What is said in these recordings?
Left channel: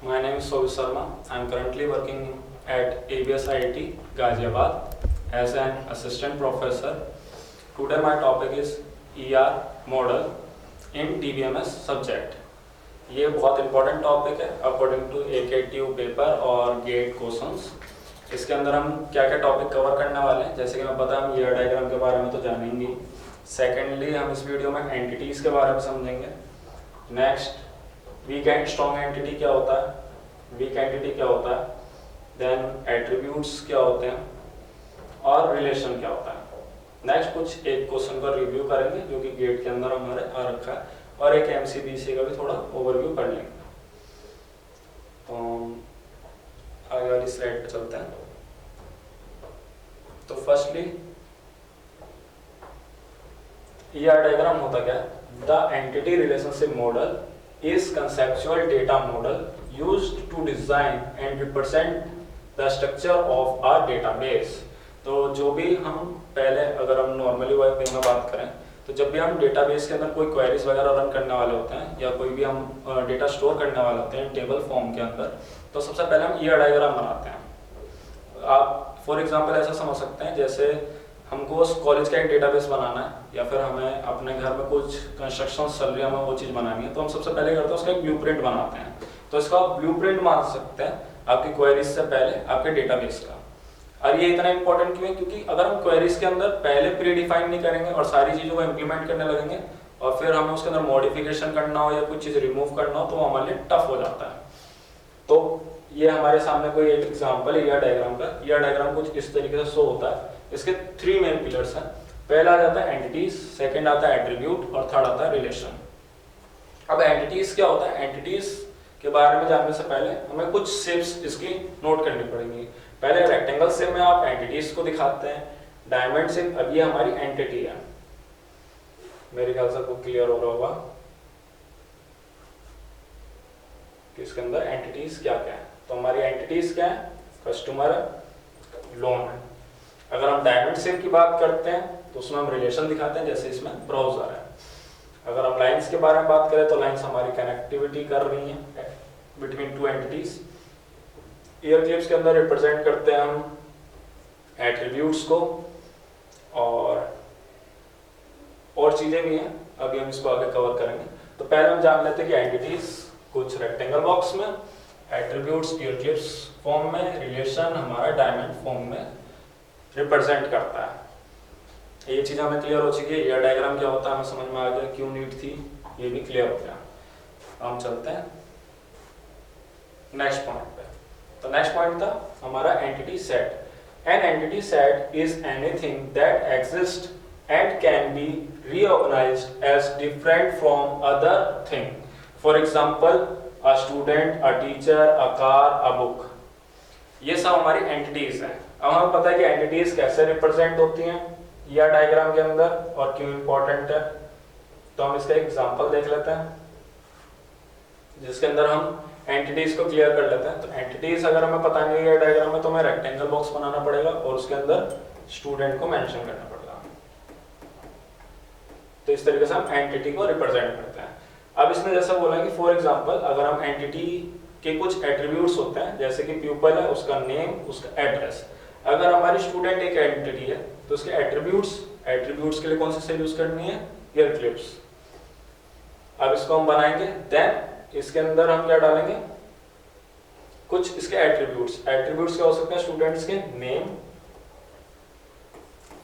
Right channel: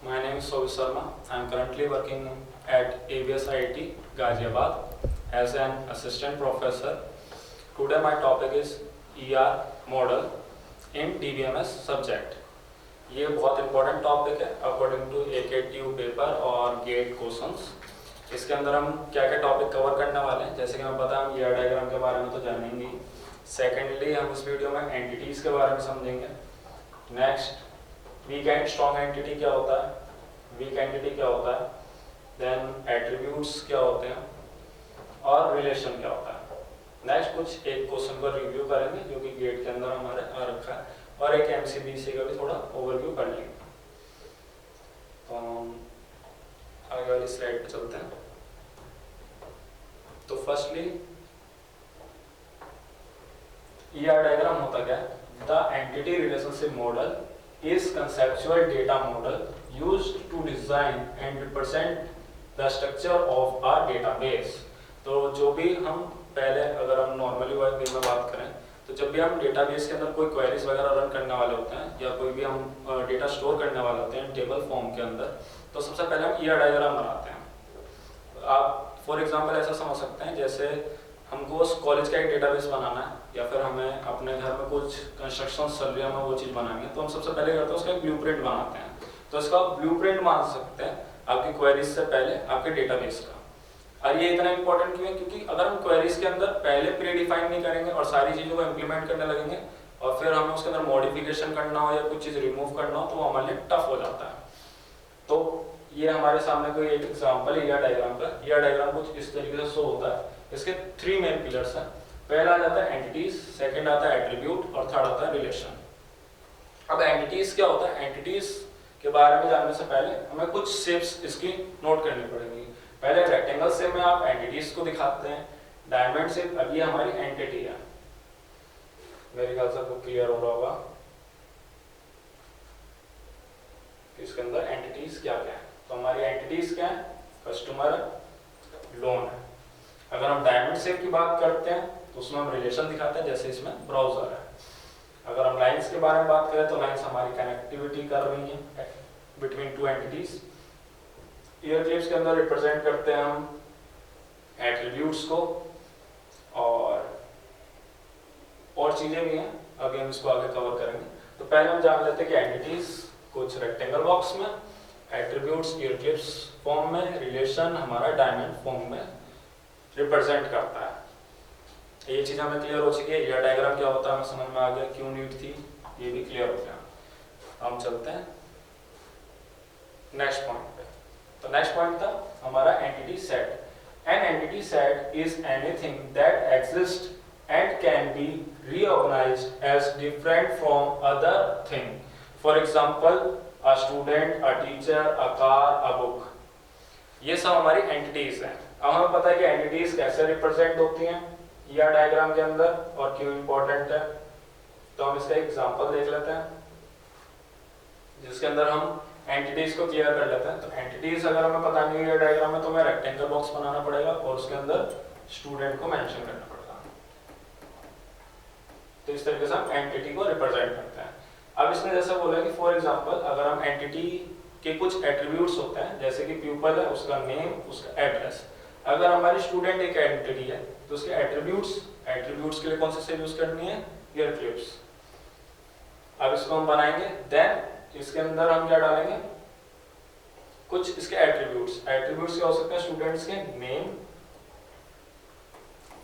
My name is Sovi Sharma. I am currently working at ABS IIT Ghaziabad as an assistant professor. Today my topic is ER model in DBMS subject. ये बहुत important topic है according to AKTU paper और gate questions. इसके अंदर हम क्या क्या topic cover करने वाले हैं, जैसे कि हमें पता है हम ER डायग्राम के बारे में तो जानेंगे। सेकेंडली हम इस वीडियो में एंटिटीज़ के बारे में समझेंगे। Next weak and strong entity क्या होता है, वीक एंटिटी क्या होता है, देन एट्रीब्यूट्स क्या होते हैं और रिलेशन क्या होता है। नेक्स्ट कुछ एक क्वेश्चन का रिव्यू करेंगे जो कि गेट के अंदर हमारे आ रखा है, और एक MCBC का भी थोड़ा ओवरव्यू कर लेंगे। तो आगे वाली स्लाइड पे चलते हैं। तो फर्स्टली ER डायग्राम होता क्या है? The entity relationship model is conceptual data model used to design and represent the structure of our database। तो जो भी हम पहले अगर हम नॉर्मली वे में बात करें तो जब भी हम डेटाबेस के अंदर कोई क्वेरीज वगैरह रन करने वाले होते हैं या कोई भी हम डेटा स्टोर करने वाले होते हैं टेबल फॉर्म के अंदर, तो सबसे पहले हम ER डायग्राम बनाते हैं। आप फॉर एग्जांपल ऐसा समझ सकते हैं जैसे हमको उस कॉलेज का एक डेटाबेस बनाना है या फिर हमें अपने घर में कुछ कंस्ट्रक्शन चल रही है, हमें वो चीज़ बनानी है, तो हम सबसे पहले करते हैं उसका एक ब्लूप्रिंट बनाते हैं। तो इसका आप ब्लूप्रिंट मान सकते हैं आपकी क्वेरीज से पहले आपके डेटाबेस का। और ये इतना इंपॉर्टेंट क्यों है? क्योंकि अगर हम क्वेरीज के अंदर पहले प्री डिफाइन नहीं करेंगे और सारी चीज़ों को इम्प्लीमेंट करने लगेंगे और फिर हमें उसके अंदर मॉडिफिकेशन करना हो या कुछ चीज़ रिमूव करना हो तो वो हमारे लिए टफ हो जाता है। तो ये हमारे सामने कोई एक एग्जाम्पल है ER डायग्राम का। ER डायग्राम कुछ इस तरीके से शो होता है। इसके 3 मेन पिलर्स हैं। पहला आ जाता है एंटिटीज, सेकंड आता है एट्रीब्यूट और थर्ड आता है रिलेशन। अब एंटिटीज क्या होता है? एंटिटीज के बारे में जानने से पहले हमें कुछ शेप्स इसकी नोट करनी पड़ेंगी। पहले रेक्टेंगल शेप में आप एंटिटीज को दिखाते हैं, डायमंड शेप, अब ये हमारी एंटिटी है। मेरे ख्याल से आपको क्लियर हो रहा होगा कि इसके अंदर एंटिटीज क्या क्या है। तो हमारी एंटिटीज क्या है? कस्टमर है, लोन है। अगर हम डायमंड शेप की बात करते हैं तो उसमें हम रिलेशन दिखाते हैं, जैसे इसमें ब्राउजर है। अगर हम लाइंस के बारे में बात करें तो लाइंस हमारी कनेक्टिविटी कर रही है बिटवीन 2 एंटिटीज। ईयर क्लिप्स के अंदर रिप्रेजेंट करते हैं हम एट्रीब्यूट्स को, और चीजें भी हैं, अभी हम इसको आगे कवर करेंगे। तो पहले हम जान लेते हैं कि एंटिटीज कुछ रेक्टेंगल बॉक्स में, एट्रीब्यूट्स ईयर क्लिप्स फॉर्म में, रिलेशन हमारा डायमंड फॉर्म में रिप्रेजेंट करता है। ये चीज हमें क्लियर हो चुकी है। ER डायग्राम क्या होता है हमें समझ में आ गया, क्यों नीड थी ये भी क्लियर हो गया। हम चलते हैं नेक्स्ट पॉइंट पे। तो नेक्स्ट पॉइंट था हमारा entity set. An entity set is anything that exist and can be reorganized as different from other thing. For example, a student, a teacher, a car, a book. ये सब हमारी entities हैं। अब हमें पता है कि एंटिटीज कैसे रिप्रेजेंट होती हैं ER डायग्राम के अंदर और क्यों इंपॉर्टेंट है। तो हम इसका एग्जांपल देख लेते हैं जिसके अंदर हम एंटिटीज को क्लियर कर लेते हैं। तो एंटिटीज अगर हमें पता नहीं है ER डायग्राम में तो हमें रेक्टेंगल बॉक्स बनाना पड़ेगा और उसके अंदर स्टूडेंट को मेंशन करना पड़ेगा। तो इस तरीके से हम एंटिटी को रिप्रेजेंट करते हैं। अब इसमें जैसा बोला कि फॉर एग्जांपल अगर हम एंटिटी के कुछ एट्रीब्यूट्स होते हैं, जैसे कि प्यूपल है, उसका नेम, उसका एड्रेस। अगर हमारी स्टूडेंट एक एंटिटी है तो उसके एट्रीब्यूट्स के लिए कौन सी सेल यूज करनी है? Year clips. अब इसको हम बनाएंगे, देन इसके अंदर हम क्या डालेंगे? कुछ इसके एट्रीब्यूट्स क्या हो सकते हैं? स्टूडेंट्स के नेम,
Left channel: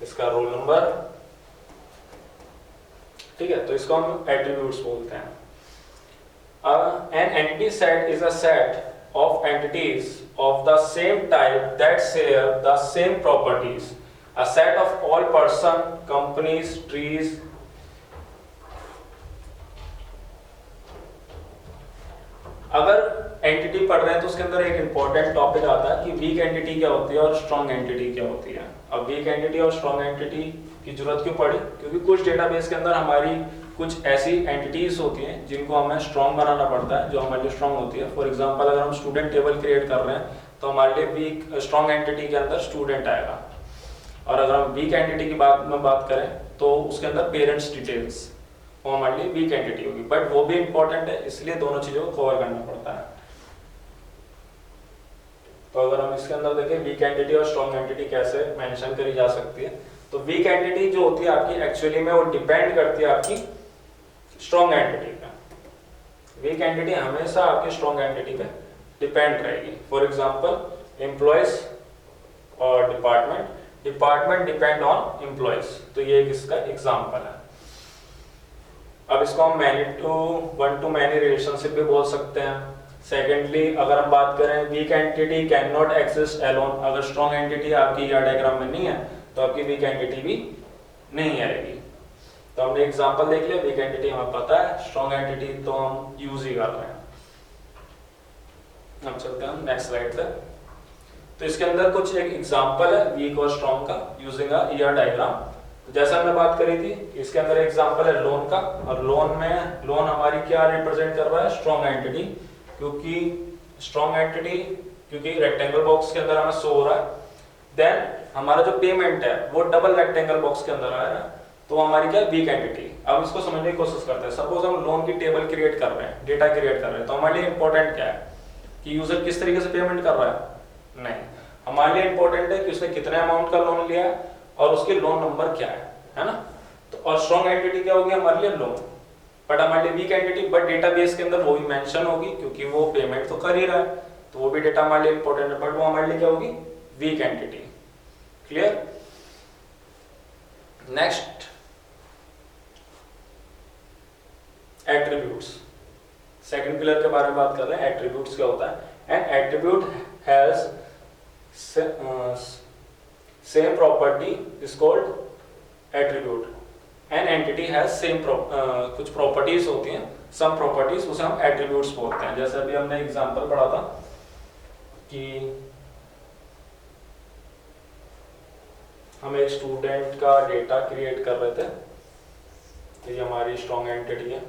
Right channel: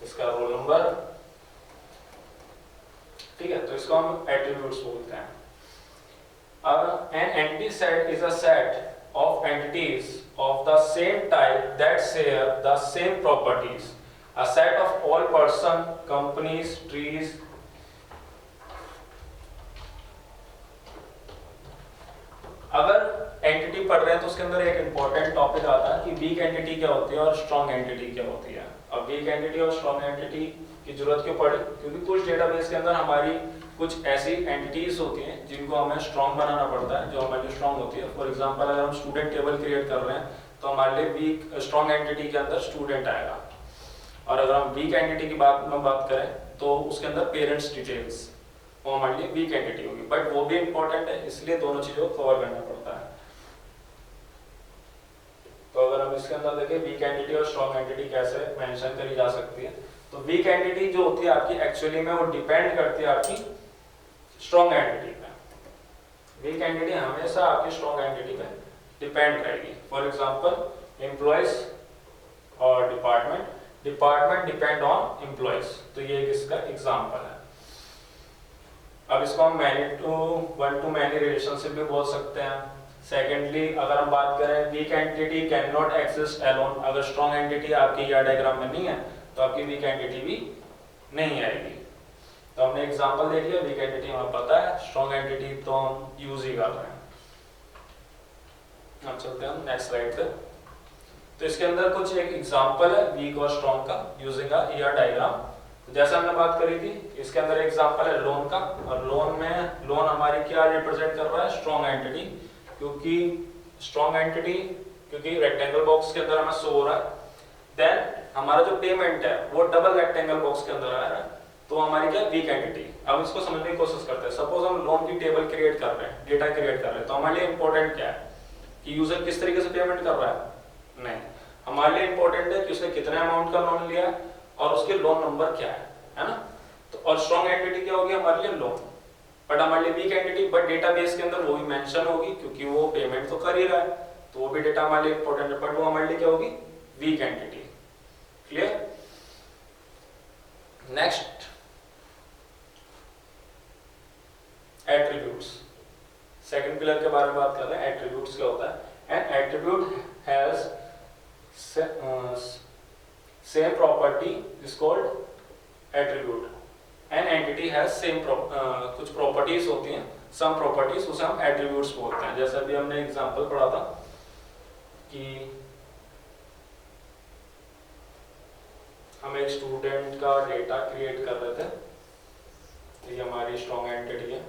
इसका रोल नंबर, ठीक है, तो इसको हम एट्रीब्यूट्स बोलते हैं। An entity set is a set of entities of the same type that share the same properties. A set of all person, companies, trees. अगर एंटिटी पढ़ रहे हैं तो उसके अंदर एक इंपॉर्टेंट टॉपिक आता है कि वीक एंटिटी क्या होती है और स्ट्रॉन्ग एंटिटी क्या होती है। अब वीक एंटिटी और स्ट्रॉन्ग एंटिटी की जरूरत क्यों पड़ी? क्योंकि कुछ डेटाबेस के अंदर हमारी कुछ ऐसी एंटिटीज होती हैं जिनको हमें स्ट्रॉन्ग बनाना पड़ता है, जो हमारे लिए स्ट्रॉन्ग होती है। फॉर एग्जांपल अगर हम स्टूडेंट टेबल क्रिएट कर रहे हैं तो हमारे लिए वीक स्ट्रॉन्ग एंटिटी के अंदर स्टूडेंट आएगा, और अगर हम वीक एंटिटी की बात करें तो उसके अंदर पेरेंट्स डिटेल्स वो हमारे लिए वीक एंटिटी होगी, बट वो भी इंपॉर्टेंट है, इसलिए दोनों चीजों को कवर करना पड़ता है। तो अगर हम इसके अंदर देखें वीक एंटिटी और स्ट्रॉन्ग एंटिटी कैसे मेंशन करी जा सकती है, तो वीक एंटिटी जो होती है आपकी एक्चुअली में वो डिपेंड करती है आपकी स्ट्रॉन्ग एंटिटी पे। वीक एंटिटी हमेशा आपकी स्ट्रॉन्ग एंटिटी पे डिपेंड रहेगी। फॉर एग्जांपल एम्प्लॉयज और department, department depend on employees, तो ये एक इसका एग्जांपल है। अब इसको हम वन टू मैनी रिलेशनशिप भी बोल सकते हैं। सेकेंडली अगर हम बात करें weak entity can not exist alone, अगर स्ट्रॉन्ग एंटिटी आपकी या डायग्राम में नहीं है तो आपकी वीक एंटिटी भी नहीं आएगी। तो हमने एग्जांपल देख लिया, वीक एंटिटी हमें पता है, स्ट्रॉन्ग एंटिटी तो हम यूज ही कर रहे हैं। अब चलते हैं नेक्स्ट स्लाइड पे। तो इसके अंदर कुछ एक एग्जांपल है वीक और स्ट्रॉन्ग का यूजिंग अ ईआर डायग्राम। जैसा हमने बात करी थी, इसके अंदर एग्जांपल है लोन का, और लोन हमारी क्या रिप्रेजेंट कर रहा है, स्ट्रॉन्ग एंटिटी, क्योंकि स्ट्रॉन्ग एंटिटी क्योंकि रेक्टेंगल बॉक्स के अंदर हमें शो हो रहा है। देन हमारा जो पेमेंट है वो डबल रेक्टेंगल बॉक्स के अंदर आ रहा है, तो हमारी क्या वीक एंटिटी। अब इसको समझने की कोशिश करते हैं। सपोज हम लोन की टेबल क्रिएट कर रहे हैं, डेटा क्रिएट कर रहे हैं, तो हमारे लिए इंपॉर्टेंट क्या है कि यूजर किस तरीके से पेमेंट कर रहा है, नहीं, हमारे लिए इंपॉर्टेंट है कि उसने कितने अमाउंट का लोन लिया है और उसके लोन नंबर क्या है ना। तो और स्ट्रॉन्ग एंटिटी क्या होगी हमारे लिए, लोन, बट हमारे लिए वीक एंटिटी, बट डेटाबेस के अंदर वो भी मेंशन होगी क्योंकि वो पेमेंट तो कर ही रहा है, तो वो भी डेटा हमारे लिए इंपॉर्टेंट है, बट वो हमारे लिए क्या होगी, weak entity. Clear. Next attributes, second pillar के बारे में बात कर रहे हैं। एट्रीब्यूट्स क्या होता है, N attribute has same property is called attribute. An entity has same कुछ प्रॉपर्टीज होती हैं, सम प्रॉपर्टीज, उसे हम एट्रीब्यूट्स बोलते हैं। जैसे अभी हमने एग्जांपल पढ़ा था कि हम एक स्टूडेंट का डेटा क्रिएट कर रहे थे, तो ये हमारी स्ट्रॉन्ग एंटिटी है।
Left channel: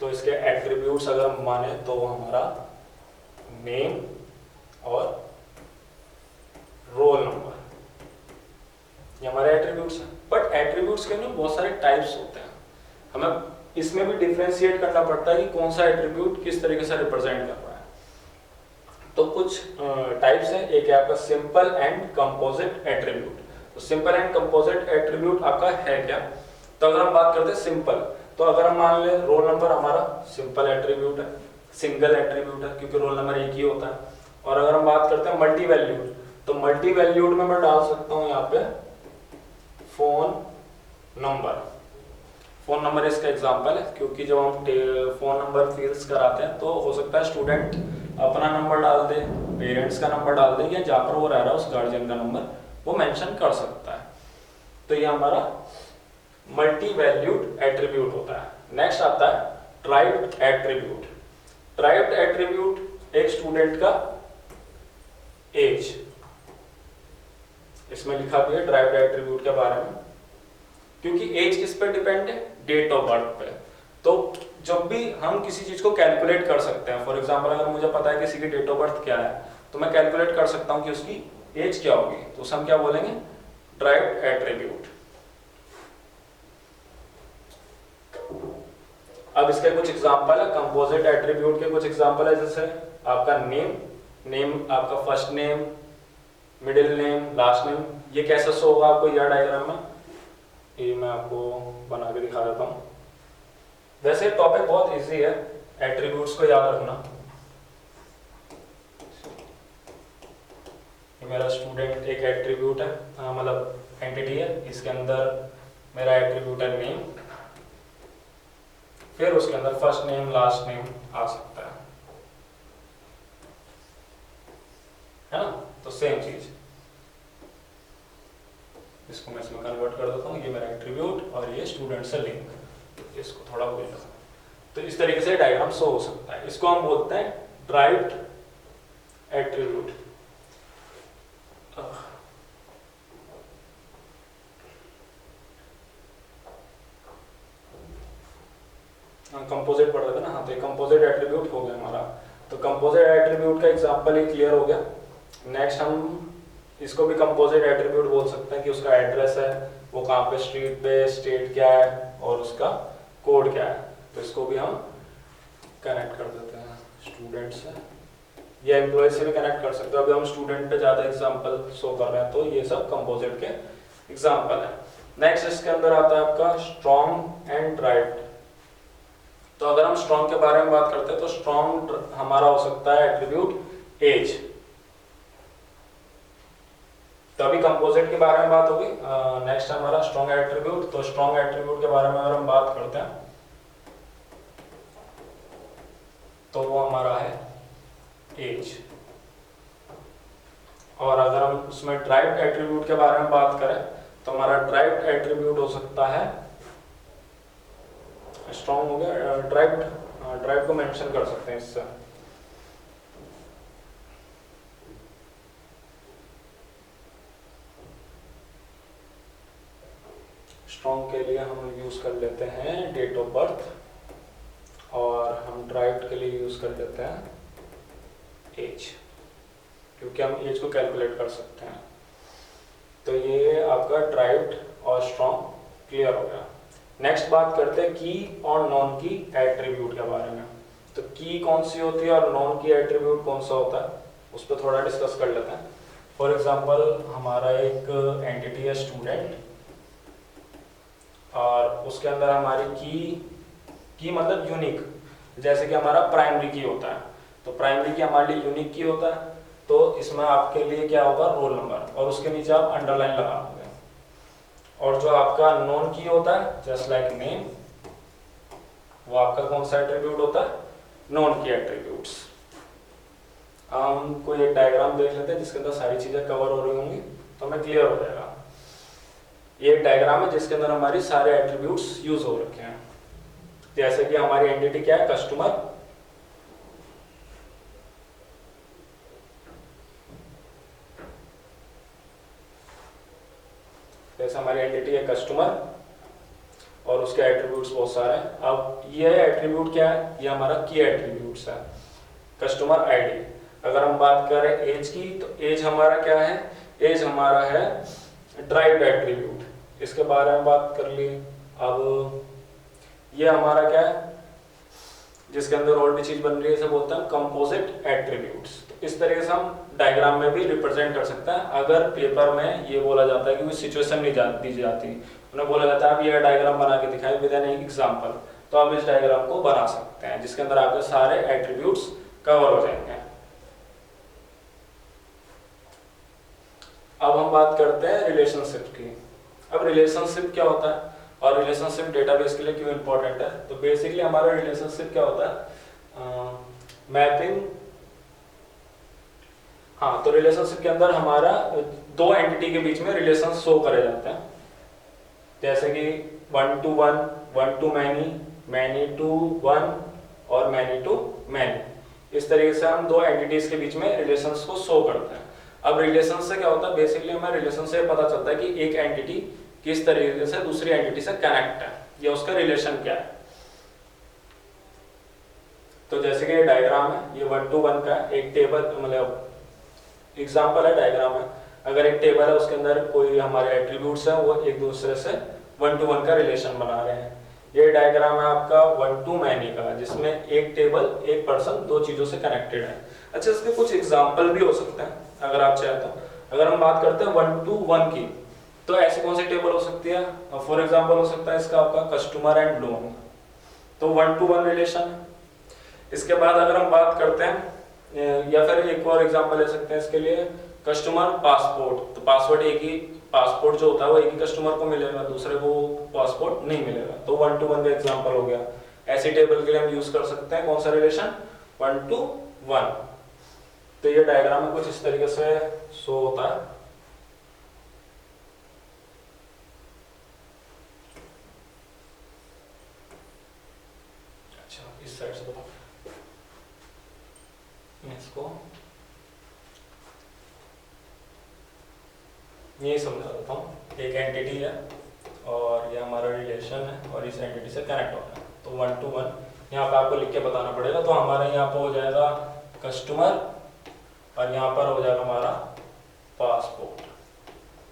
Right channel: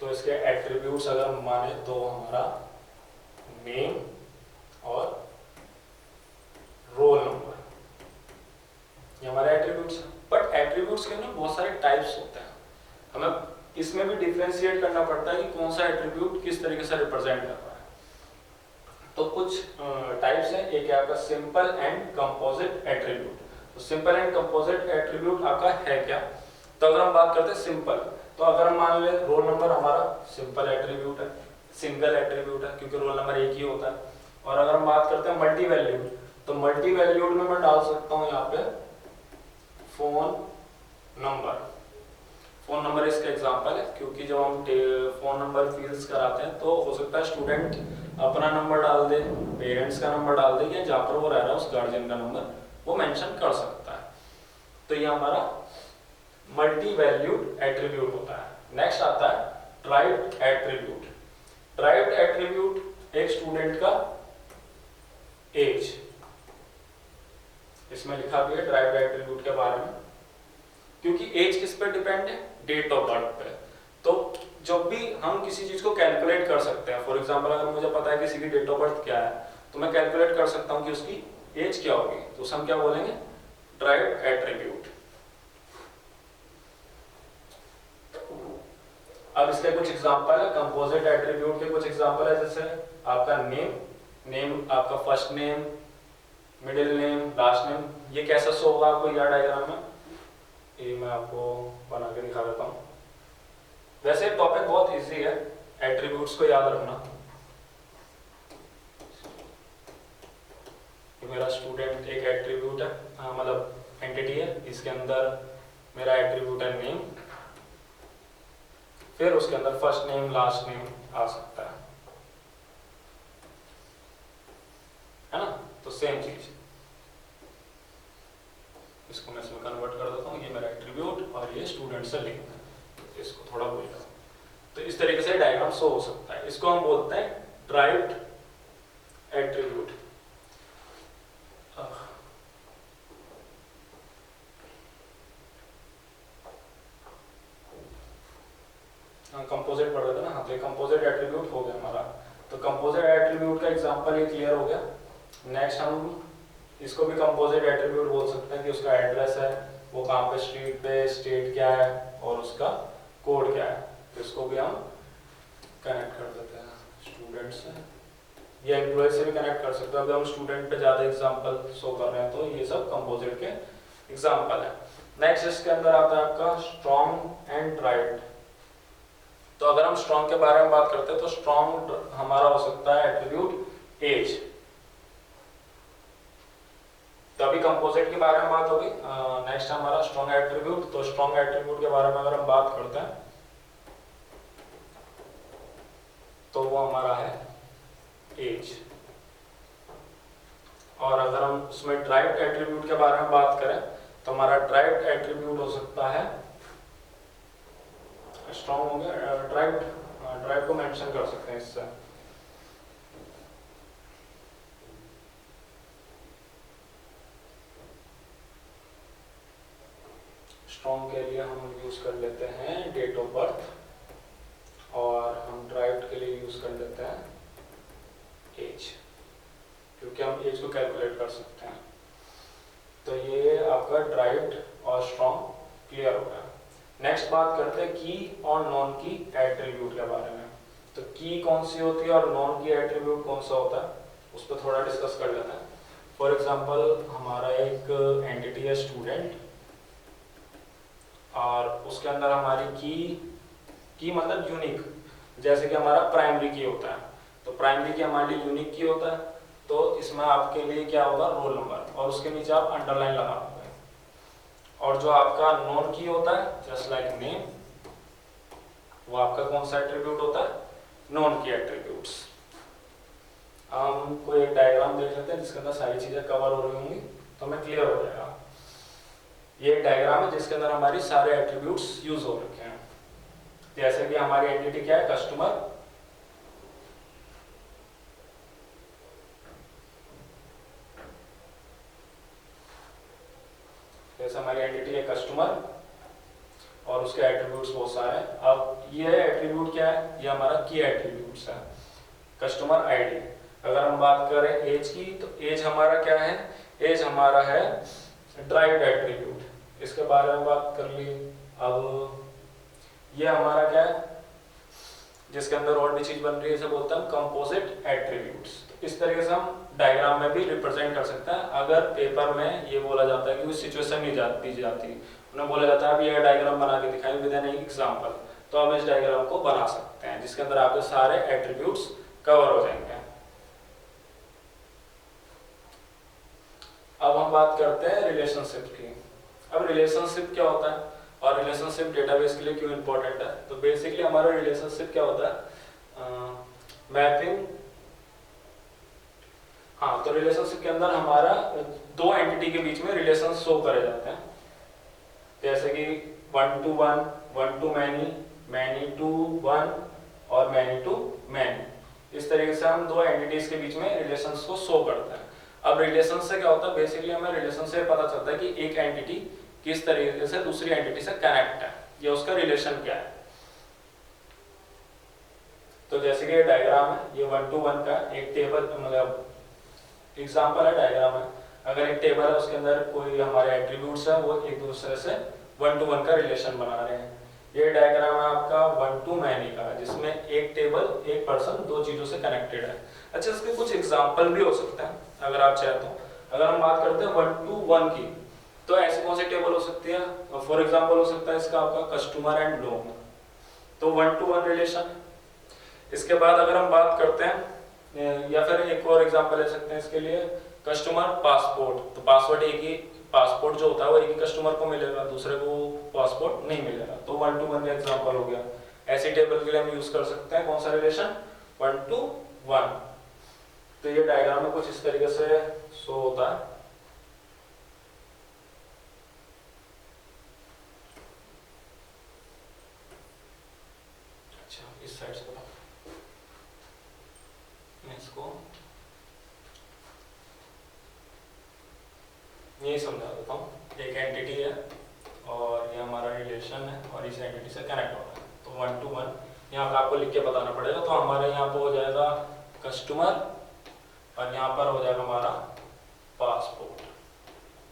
तो इसके एट्रीब्यूट्स अगर हम माने तो हमारा नेम और रोल नंबर, ये हमारे एट्रीब्यूट्स हैं। बट एट्रीब्यूट्स के ना बहुत सारे टाइप्स होते हैं, हमें इसमें भी डिफरेंशिएट करना पड़ता है कि कौन सा एट्रीब्यूट किस तरीके से रिप्रेजेंट कर रहा है। तो कुछ टाइप्स हैं, एक है आपका सिंपल एंड कंपोजिट एट्रीब्यूट। तो सिंपल एंड कंपोजिट एट्रीब्यूट आपका है क्या, तो अगर हम बात करते हैं सिंपल, तो अगर हम मान ले रोल नंबर हमारा सिंपल एट्रीब्यूट है, सिंगल एट्रीब्यूट है क्योंकि रोल नंबर एक ही होता है। और अगर हम बात करते हैं मल्टी वैल्यूड, तो मल्टी वैल्यूड में मैं डाल सकता हूँ यहाँ पे फोन नंबर। फोन नंबर इसका एग्जांपल है क्योंकि जब हम फोन नंबर फिल्स कराते हैं तो हो सकता है स्टूडेंट अपना नंबर डाल दे, पेरेंट्स का नंबर डाल दे, या जहाँ पर वो रह रहा है उस गार्जियन का नंबर वो मेंशन कर सकता है। तो ये हमारा मल्टी वैल्यूड एट्रीब्यूट होता है। नेक्स्ट आता है ड्राइव्ड एट्रीब्यूट। ड्राइव्ड एट्रीब्यूट एक स्टूडेंट का एज, इसमें लिखा भी है ड्राइव्ड एट्रीब्यूट के बारे में, क्योंकि एज किस पे डिपेंड है, डेट ऑफ बर्थ पे। तो जब भी हम किसी चीज को कैलकुलेट कर सकते हैं, फॉर एग्जांपल अगर मुझे पता है किसी की डेट ऑफ बर्थ क्या है तो मैं कैलकुलेट कर सकता हूं कि उसकी एज क्या होगी, तो उसे हम क्या बोलेंगे, ड्राइव्ड एट्रीब्यूट। अब इसके कुछ एग्जांपल है, कंपोजिट एट्रीब्यूट के कुछ एग्जांपल है, जैसे आपका नेम आपका first name, middle name, last name, ये कैसे शो होगा आपको यह डायग्राम में, ये मैं आपको बना के दिखा देता हूँ। वैसे टॉपिक बहुत इजी है, एट्रीब्यूट्स को याद रखना। ये मेरा स्टूडेंट एक एट्रीब्यूट है, मतलब एंटिटी है, इसके अंदर मेरा एट्रीब्यूट है नेम, फिर उसके अंदर फर्स्ट नेम लास्ट नेम आ सकता है ना। तो सेम चीज, इसको मैं इसमें कन्वर्ट कर देता हूँ, ये मेरा एट्रीब्यूट और ये स्टूडेंट से लिंक, तो इसको थोड़ा भूल जाओ। तो इस तरीके से डायग्राम शो हो सकता है, इसको हम बोलते हैं ड्राइव्ड एट्रीब्यूट। कंपोजिट पढ़ रहे थे ना, हाँ, तो कंपोजिट एट्रीब्यूट हो गया हमारा। तो कंपोजिट एट्रीब्यूट का एग्जांपल ही क्लियर हो गया। नेक्स्ट हम इसको भी कंपोजिट एट्रीब्यूट बोल सकते हैं कि उसका एड्रेस है, वो कहाँ पे, स्ट्रीट पे, स्टेट क्या है और उसका कोड क्या है। तो इसको भी हम कनेक्ट कर देते हैं स्टूडेंट से, ये एम्प्लॉय से भी कनेक्ट कर सकते हो। अभी हम स्टूडेंट पे ज़्यादा एग्जाम्पल शो कर रहे हैं, तो ये सब कंपोजिट के एग्जाम्पल है। नेक्स्ट इसके अंदर आता है आपका स्ट्रॉन्ग एंड ड्राइव्ड। तो अगर हम स्ट्रॉन्ग के बारे में बात करते हैं तो स्ट्रॉन्ग हमारा हो सकता है एट्रीब्यूट एज। तो अभी कंपोजिट के बारे में बात होगी। नेक्स्ट हमारा स्ट्रॉन्ग एट्रीब्यूट। तो स्ट्रॉन्ग एट्रीब्यूट के बारे में अगर हम बात करते हैं तो वो हमारा है एज। और अगर हम उसमें ड्राइव्ड एट्रीब्यूट के बारे में बात करें तो हमारा ड्राइव्ड एट्रीब्यूट हो सकता है, स्ट्रॉन्ग हो गया, ड्राइव्ड को मेंशन कर सकते हैं इससे। स्ट्रॉन्ग के लिए हम यूज कर लेते हैं डेट ऑफ बर्थ, और हम ड्राइव्ड के लिए यूज कर लेते हैं एज, क्योंकि हम एज को कैलकुलेट कर सकते हैं। तो ये आपका ड्राइव्ड और स्ट्रॉन्ग क्लियर हो गया। नेक्स्ट बात करते हैं की और नॉन की एट्रीब्यूट के बारे में। तो की कौन सी होती है और नॉन की एट्रीब्यूट कौन सा होता है, उस पर थोड़ा डिस्कस कर लेते हैं। फॉर एग्जांपल हमारा एक एंटिटी है स्टूडेंट, और उसके अंदर हमारी की मतलब यूनिक, जैसे कि हमारा प्राइमरी की होता है, तो प्राइमरी की हमारे लिए यूनिक की होता है। तो इसमें आपके लिए क्या होगा, रोल नंबर, और उसके नीचे आप अंडरलाइन लगाओगे। और जो आपका नॉन की होता है जस्ट लाइक नेम, वो आपका कौन सा एट्रीब्यूट होता है, नॉन की एट्रीब्यूट्स। हम कोई एक डायग्राम देख लेते हैं जिसके अंदर सारी चीजें कवर हो रही होंगी, तो हमें क्लियर हो जाएगा। ये एक डायग्राम है जिसके अंदर हमारी सारे एट्रीब्यूट्स यूज हो रखे हैं। जैसे कि हमारी एंटिटी क्या है, कस्टमर, जैसे हमारी एंटिटी है कस्टमर और उसके एट्रीब्यूट्स बहुत सारे हैं। अब ये एट्रीब्यूट क्या है, ये हमारा की एट्रीब्यूट्स है, कस्टमर आईडी। अगर हम बात करें एज की, तो एज हमारा क्या है, एज हमारा है ड्राइव्ड एट्रीब्यूट। इसके बारे में बात कर ली। अब ये हमारा क्या है, जिसके अंदर और भी चीज बन रही है, इसे बोलते हैं कंपोजिट एट्रीब्यूट्स। तो इस तरीके से हम डायग्राम में भी रिप्रेजेंट कर सकते हैं। अगर पेपर में ये बोला जाता है कि कोई सिचुएशन नहीं दी जाती, उन्हें बोला जाता है आप ये डायग्राम बना के दिखाएं विद एन एग्जांपल, तो आप इस डायग्राम को बना सकते हैं जिसके अंदर आपके सारे एट्रीब्यूट्स कवर हो जाएंगे। अब हम बात करते हैं रिलेशनशिप की। अब रिलेशनशिप क्या होता है और रिलेशनशिप डेटाबेस के लिए क्यों इंपॉर्टेंट है। तो बेसिकली हमारा रिलेशनशिप क्या होता है, मैपिंग। हाँ, तो रिलेशनशिप के अंदर हमारा दो एंटिटी के बीच में रिलेशन शो करे जाते हैं, जैसे कि 1 to 1, 1 to many, many to 1 और many to many। इस तरीके से हम दो एंटिटीज के बीच में रिलेशंस को शो करते हैं। अब रिलेशन से क्या होता है, बेसिकली हमें रिलेशन से पता चलता है कि एक एंटिटी किस तरीके से दूसरी एंटिटी से कनेक्ट है, या उसका रिलेशन क्या है। तो जैसे कि ये डायग्राम है, ये 1 to 1 का एक टेबल, मतलब एग्जाम्पल है, डायग्राम है। अगर एक टेबल है, उसके अंदर कोई हमारे एट्रीब्यूट्स है, वो एक दूसरे से 1 to 1 का रिलेशन बना रहे हैं। ये डायग्राम है आपका 1 to many का, जिसमें एक टेबल, एक पर्सन दो चीजों से कनेक्टेड है। अच्छा, इसके कुछ एग्जाम्पल भी हो सकते हैं अगर आप चाहें तो। अगर हम बात करते हैं 1 to 1 की, तो ऐसी कौन सी टेबल हो सकती है, फॉर एग्जाम्पल हो सकता है इसका आपका कस्टमर एंड लोन, तो 1 to 1 रिलेशन है। इसके बाद अगर हम बात करते हैं, या फिर एक और एग्जांपल ले सकते हैं इसके लिए, कस्टमर पासपोर्ट, तो पासपोर्ट एक ही, पासपोर्ट जो होता है वो एक ही कस्टमर को मिलेगा, दूसरे को पासपोर्ट नहीं मिलेगा, तो 1 to 1 का एग्जांपल हो गया। ऐसी टेबल के लिए हम यूज कर सकते हैं कौन सा रिलेशन, 1 to 1। तो ये डायग्राम में कुछ इस तरीके से शो होता है। अच्छा, इस साइड से बताओ, मैं इसको यही समझा देता हूँ। एक एंटिटी है और ये हमारा रिलेशन है और इस एंटिटी से कनेक्ट हो रहा है, तो 1 to 1 यहाँ पे आपको लिख के बताना पड़ेगा। तो हमारे यहाँ पे हो जाएगा कस्टमर और यहाँ पर हो जाएगा हमारा पासपोर्ट।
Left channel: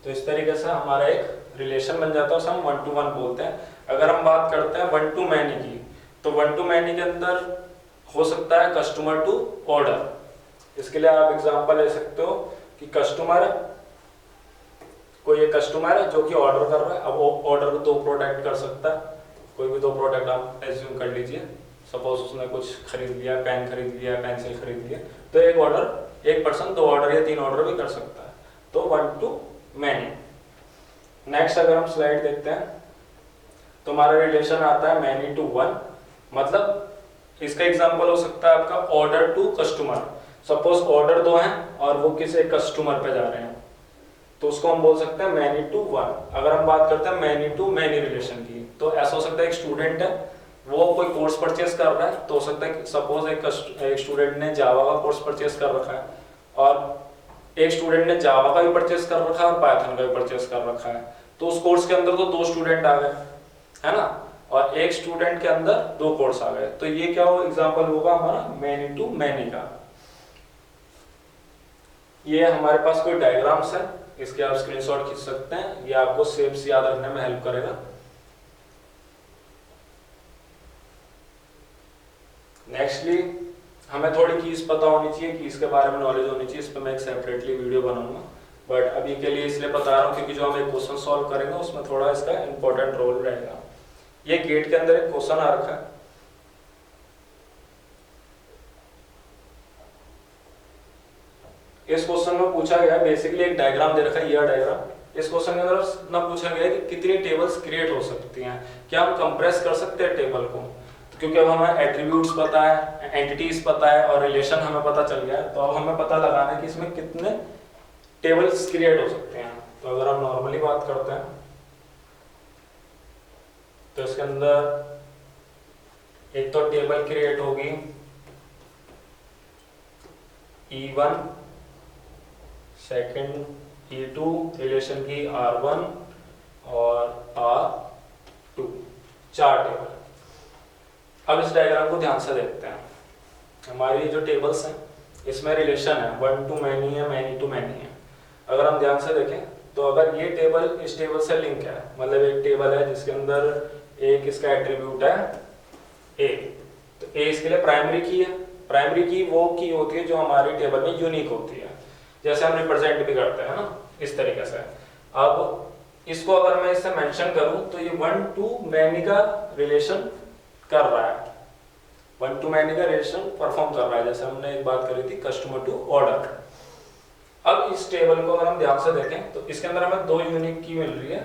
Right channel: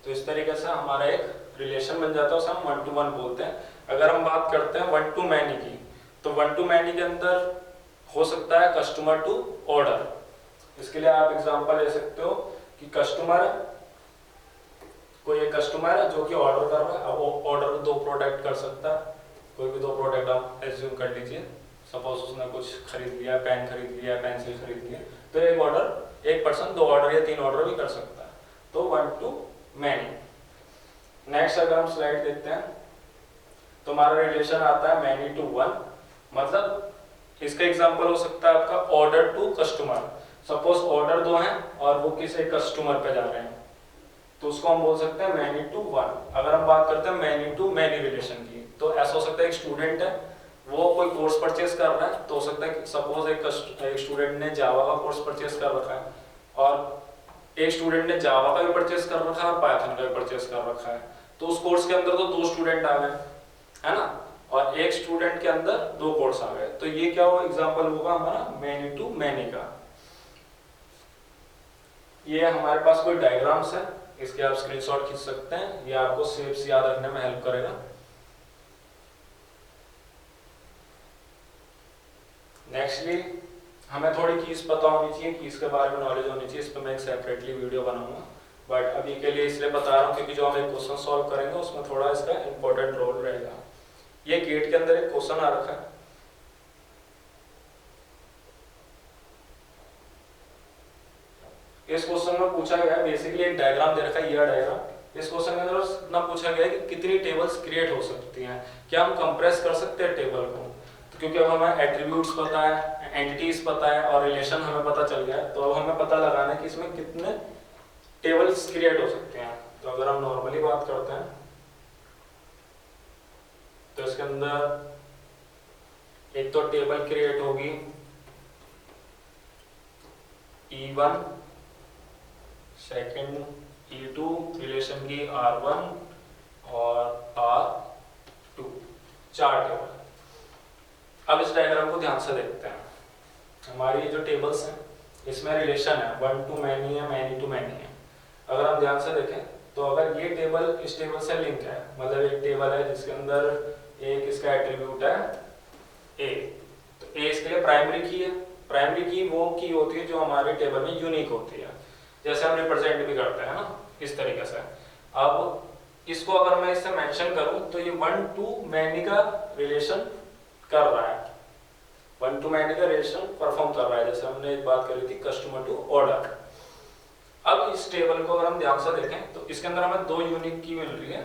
तो इस तरीके से हमारा एक रिलेशन बन जाता है, उसे हम 1 to 1 बोलते हैं। अगर हम बात करते हैं 1 to many की, तो 1 to many के अंदर हो सकता है कस्टमर टू ऑर्डर, इसके लिए आप एग्जांपल ले सकते हो कि कस्टमर है, कोई एक कस्टमर है जो कि ऑर्डर कर रहा है। अब वो ऑर्डर को 2 प्रोडक्ट कर सकता है, कोई भी 2 प्रोडक्ट आप एज्यूम कर लीजिए। सपोज उसने कुछ खरीद लिया, पेन खरीद लिया, पेंसिल खरीद लिया, तो एक ऑर्डर, एक पर्सन 2 ऑर्डर या 3 ऑर्डर भी कर सकता है, तो 1 to many। नेक्स्ट अगर हम स्लाइड देखते हैं तो हमारा रिलेशन आता है many to 1, मतलब इसका एग्जांपल हो सकता है आपका order to customer. Suppose order 2 हैं और वो किसी कस्टमर पे जा रहे हैं, तो उसको हम बोल सकते हैं many to 1। अगर हम बात करते हैं many to many रिलेशन की, तो ऐसा हो सकता है एक स्टूडेंट है, वो कोई कोर्स परचेस कर रहा है, तो हो सकता है सपोज एक स्टूडेंट ने जावा का कोर्स परचेस कर रखा है, और एक स्टूडेंट ने जावा का भी परचेस कर रखा है और पाइथन का भी परचेस कर रखा है, तो उस कोर्स के अंदर तो 2 स्टूडेंट आ गए, है ना, और एक स्टूडेंट के अंदर 2 कोर्स आ गए, तो ये क्या हो एग्जांपल होगा हमारा many to many का। ये हमारे पास कोई डायग्राम्स है, इसके आप स्क्रीनशॉट खींच सकते हैं, ये आपको शेप्स याद रखने में हेल्प करेगा। नेक्स्टली हमें थोड़ी कीज पता होनी चाहिए, कीज के बारे में नॉलेज होनी चाहिए, इस पर मैं एक सेपरेटली वीडियो बनाऊंगा, बट अभी के लिए इसलिए बता रहा हूँ क्योंकि जो हम एक क्वेश्चन सॉल्व करेंगे उसमें थोड़ा इसका इंपॉर्टेंट रोल रहेगा। ये गेट के अंदर एक क्वेश्चन आ रखा है, इस क्वेश्चन में पूछा गया बेसिकली एक डायग्राम दे रखा है, यह डायग्राम। इस क्वेश्चन के अंदर इतना पूछा गया है कि कितनी टेबल्स क्रिएट हो सकती हैं, क्या हम कंप्रेस कर सकते हैं टेबल को, तो क्योंकि अब हमें एट्रीब्यूट्स पता है, एंटिटीज पता है और रिलेशन हमें पता चल गया है, तो अब हमें पता लगाना है कि इसमें कितने टेबल्स क्रिएट हो सकते हैं। तो अगर हम नॉर्मली बात करते हैं तो इसके अंदर एक तो टेबल क्रिएट होगी E1, सेकंड E2, रिलेशन की R1 और R2, 4 टेबल। अब इस डायग्राम को ध्यान से देखते हैं। हमारी जो टेबल्स हैं इसमें रिलेशन है 1 to many है, many to many है। अगर हम ध्यान से देखें तो अगर ये टेबल इस टेबल से लिंक है, मतलब एक टेबल है जिसके अंदर एक इसका एट्रीब्यूट है A, तो A इसके लिए प्राइमरी की है। प्राइमरी की वो की होती है जो हमारी टेबल में यूनिक होती है, जैसे हम रिप्रेजेंट भी करते हैं ना, इस तरीके से। अब इसको अगर मैं इससे मेंशन करूं तो ये 1 to many का रिलेशन कर रहा है, 1 to many का रिलेशन परफॉर्म कर रहा है, जैसे हमने एक बात करी थी कस्टमर टू ऑर्डर। अब इस टेबल को अगर हम ध्यान से देखें तो इसके अंदर हमें 2 यूनिक की मिल रही है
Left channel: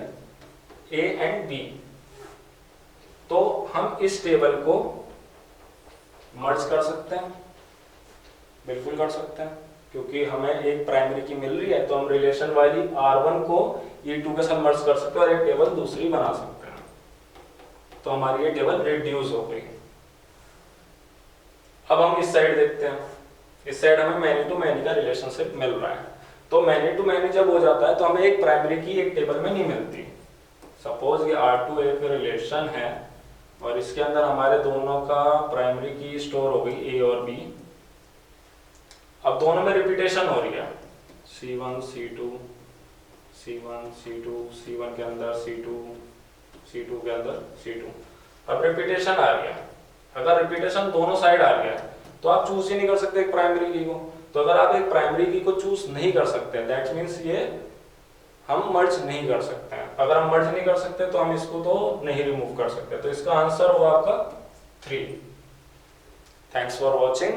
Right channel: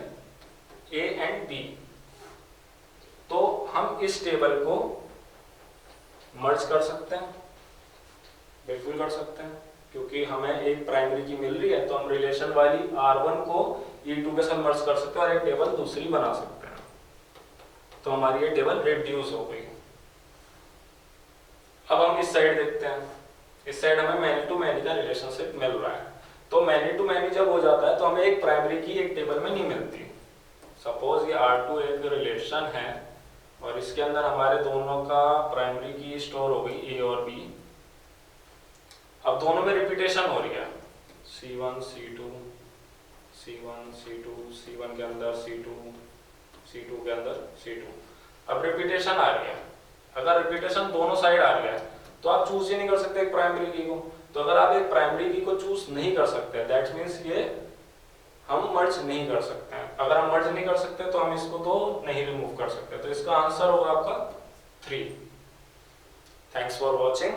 A एंड B, तो हम इस टेबल को मर्ज कर सकते हैं, बिल्कुल कर सकते हैं, क्योंकि हमें एक प्राइमरी की मिल रही है, तो हम रिलेशन वाली R1 को E2 के साथ मर्ज कर सकते हैं और एक टेबल दूसरी बना सकते हैं, तो हमारी ये टेबल रिड्यूस हो गई। अब हम इस साइड देखते हैं, इस साइड हमें मैनी टू मैनी का रिलेशनशिप मिल रहा है, तो मैनी टू मैनी जब हो जाता है तो हमें एक प्राइमरी की एक टेबल में नहीं मिलती। सपोज ये R2 एक रिलेशन है और इसके अंदर हमारे दोनों का प्राइमरी की स्टोर हो गई A और B। अब दोनों में रिपीटेशन हो रही है, C1 C2 C1 C2 C1 के अंदर C2 C2 के अंदर C2, अब रिपीटेशन आ रही है। अगर रिपीटेशन दोनों साइड आ रही है तो आप चूज ही नहीं कर सकते एक प्राइमरी की को, तो अगर आप एक प्राइमरी की को चूज नहीं कर सकते दैट मीन्स ये हम मर्ज नहीं कर सकते हैं। अगर हम मर्ज नहीं कर सकते तो हम इसको तो नहीं रिमूव कर सकते, तो इसका आंसर होगा आपका 3। Thanks for watching.